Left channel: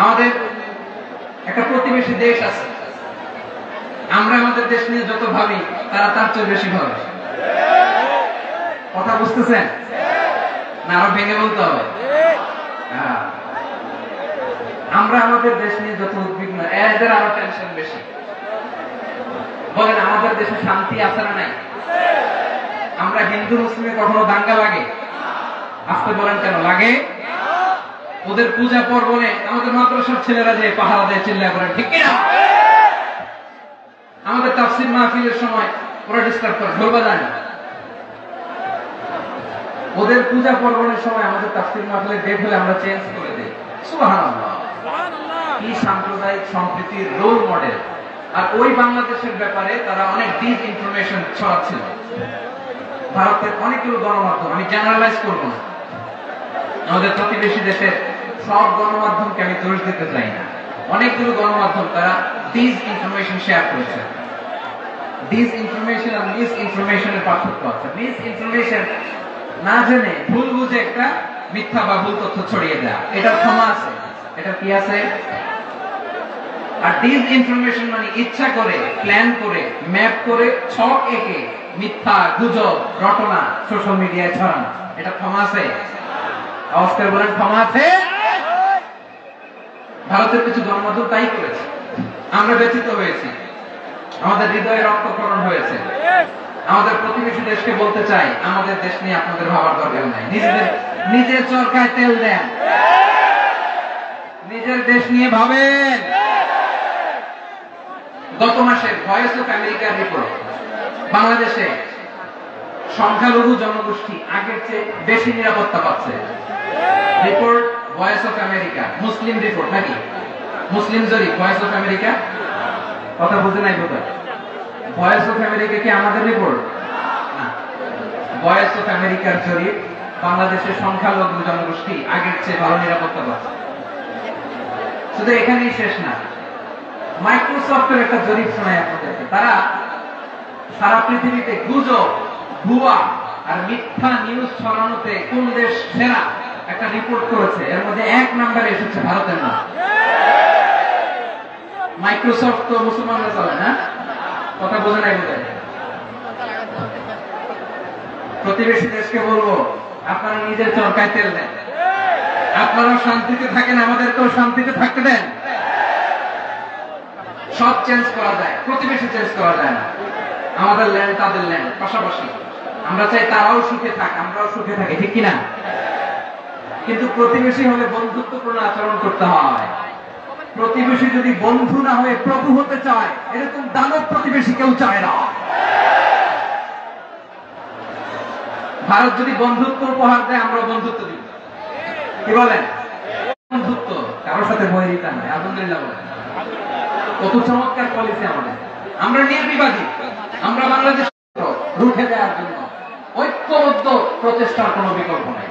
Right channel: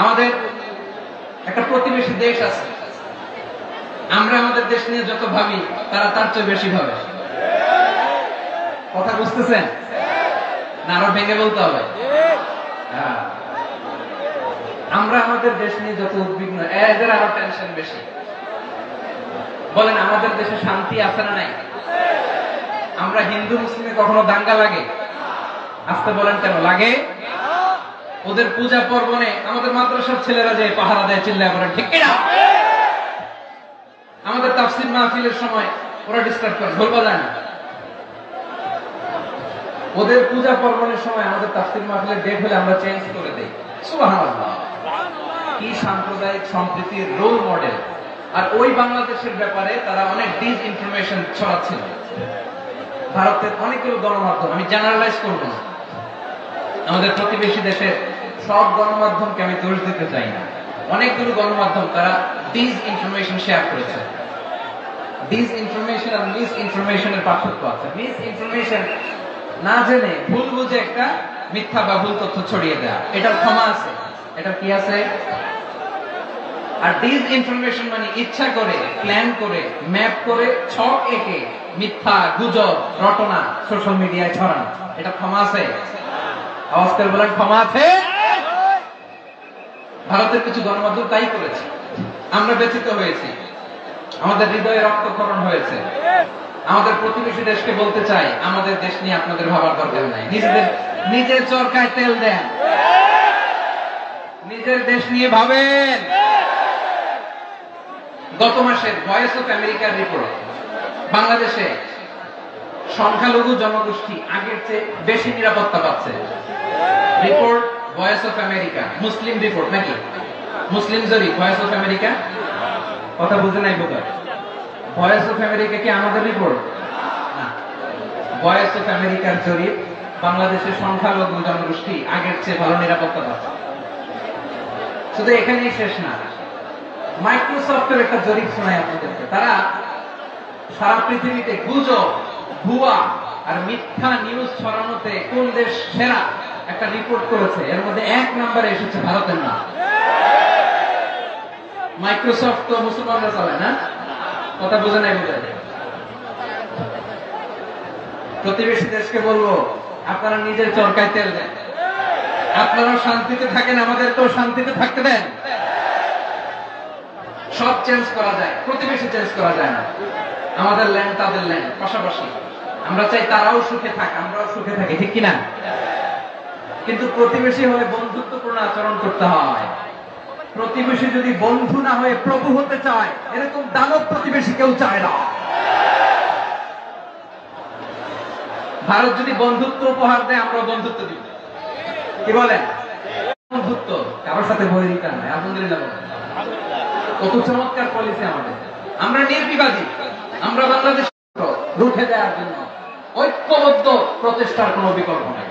আমাদের একটা প্রতিবেশী দেশ আছে, আমরা আমাদের দেশ নিয়ে যত ভাবি তারা তার চেয়ে বেশি ভাবে। কথা বুঝতেছেন না? আরো ভেঙে বলতে হবে। আমরা আমাদের দেশ নিয়ে যত উদ্বিগ্ন, এদের আরো টেনশন বেশি। বলেন আমাদের দেশে শান্তি আছে না নাই? আমরা হিন্দু মুসলিমে কখনো দাঙ্গা লাগে? আসতে বলেন কেন লাগে? ওদের পূজা পর্বণে আমাদের মাদ্রাসার ছেলেরা যে পাহারা দেয়, চিল্লায় বলেন ঠিক কিনা? আমাদের তাফসীর মাহফিলের সময় ওরা ডিস্টার্ব করে, বলবা যায় না। ওদের পূজা পর্বণের সময় আমাদের তাফসীর মাহফিলের ডেট হলে আমরা চেঞ্জ করে দিই। সুবহানাল্লাহ, কি সাম্প্রদায়িক সম্প্রীতির রোল মডেল। আর ওই বাংলাদেশের ব্যাপারে তারা অনেক ডিস ইনফরমেশন ছড়াচ্ছিল। ভারতের অনেকগুলো গণমাধ্যম, আমি জেনারেলাইজ করবো না, আমাদের প্রতিবেশী দেশের সব গণমাধ্যমকে আমি দোষ দিতে চাই না, অনেকগুলো গণমাধ্যম তারা ডিস ইনফরমেশন শেয়ার করেছে। ডিস ইনফরমেশন আর মিস ইনফরমেশনের পার্থক্য আছে। মিস ইনফরমেশন না জেনে ভুল বুঝে একটা মিথ্যা বা ভুল তথ্য ছড়িয়ে দেয়া, এটার ক্ষমা আছে, এটা কি আছে। আর ডিস ইনফরমেশন মানে ইচ্ছা করে, প্ল্যান করে, ম্যাপ করে, ছক এঁকে মিথ্যা, গুজব, রটনা সোশ্যাল মিডিয়ায় ছড়ানো, এটা ক্ষমা আছে? আওয়াজ করে বলেন ক্ষমা আছে? ভারতের কিছু গণমাধ্যম তাই করেছে, আমরা ব্যথিত হয়েছি, আমাদের হৃদয়ে রক্তক্ষরণ হয়েছে। আমাদের প্রতিবেশী দেশকে বলতে চাই, আমাদের দেশ নিয়ে আপনাদের ভাবার দরকার নাই, নিজের চরকায় তেল দেন, নিজের দেশ নিয়ে ভাবেন। গত মাসের ভয়েস অফ আমেরিকার রিপোর্ট, বাংলাদেশে সংখ্যালঘু জনগোষ্ঠী আগের চেয়ে বেশি নিরাপত্তা পাচ্ছে। Report voice of America, Muslim report নাকি? মুসলিম জরিপ, ভয়েস অফ আমেরিকা। কথা বুঝে নাই বোধ হয়। ভয়েস অফ আমেরিকা কি আমাদের রিপোর্ট না? ভয়েস অফ আমেরিকার জরিপ, বাংলাদেশের সংখ্যালঘু জনগোষ্ঠী আগের চেয়ে ভালো নিরাপত্তা পাচ্ছে। শুধু এখানেই শেষ না, মাইক্রোসফটের একটা জরিপ শোনায় আপনাদেরকে। তারা সারা পৃথিবীতে গুজব, ভুয়া আর মিথ্যা নিউজ ছড়ানোতে কোন দেশ সেরা একটা রিপোর্ট করেছে। এর মধ্যে 1 নম্বরে এসেছে ভারতের নাম। মাইক্রোসফট তো মুসলমানরা চালায় না? কথা বোঝে নাই বোধ হয়। প্রতিবেশী দেশকে বলবো, আপনারা নিজের চরকায় তেল দেন, আপনারাও শান্তিতে থাকেন, আমাদেরকেও শান্তিতে থাকতে দেন। সব চেঞ্জ করা যায়, প্রতিবেশী চেঞ্জ করা যায় না। আমাদের ল্যান্ড তাদের ল্যান্ড, পাশাপাশি। আমরা চাই তারাও সুখে থাক, আমরাও সুখে থাকি, ঠিক কিনা? কিন্তু প্রতিবেশী হলে বন্ধুত্বপূর্ণ আচরণ করতে হয়। প্রতিবেশী যদি বন্ধু না হয়ে প্রভু হতে চায়, এরকম দানব প্রতিবেশী কেউ চায় না। ভারত যদি বন্ধুত্ব উপহার দেয়, আমরা বন্ধুত্ব দিব। কি বলেন? বন্ধুত্ব কারোর সাথে বৈরিতা নয়। আলহামদুলিল্লাহ বলেন, কত চমৎকার পলিসি আমাদের। আমরা নির্বিবাদী, আমরা বাংলাদেশ রুখে দেওয়ার জন্য ঐক্যবদ্ধ প্রচেষ্টার কোন বিকল্প নেই।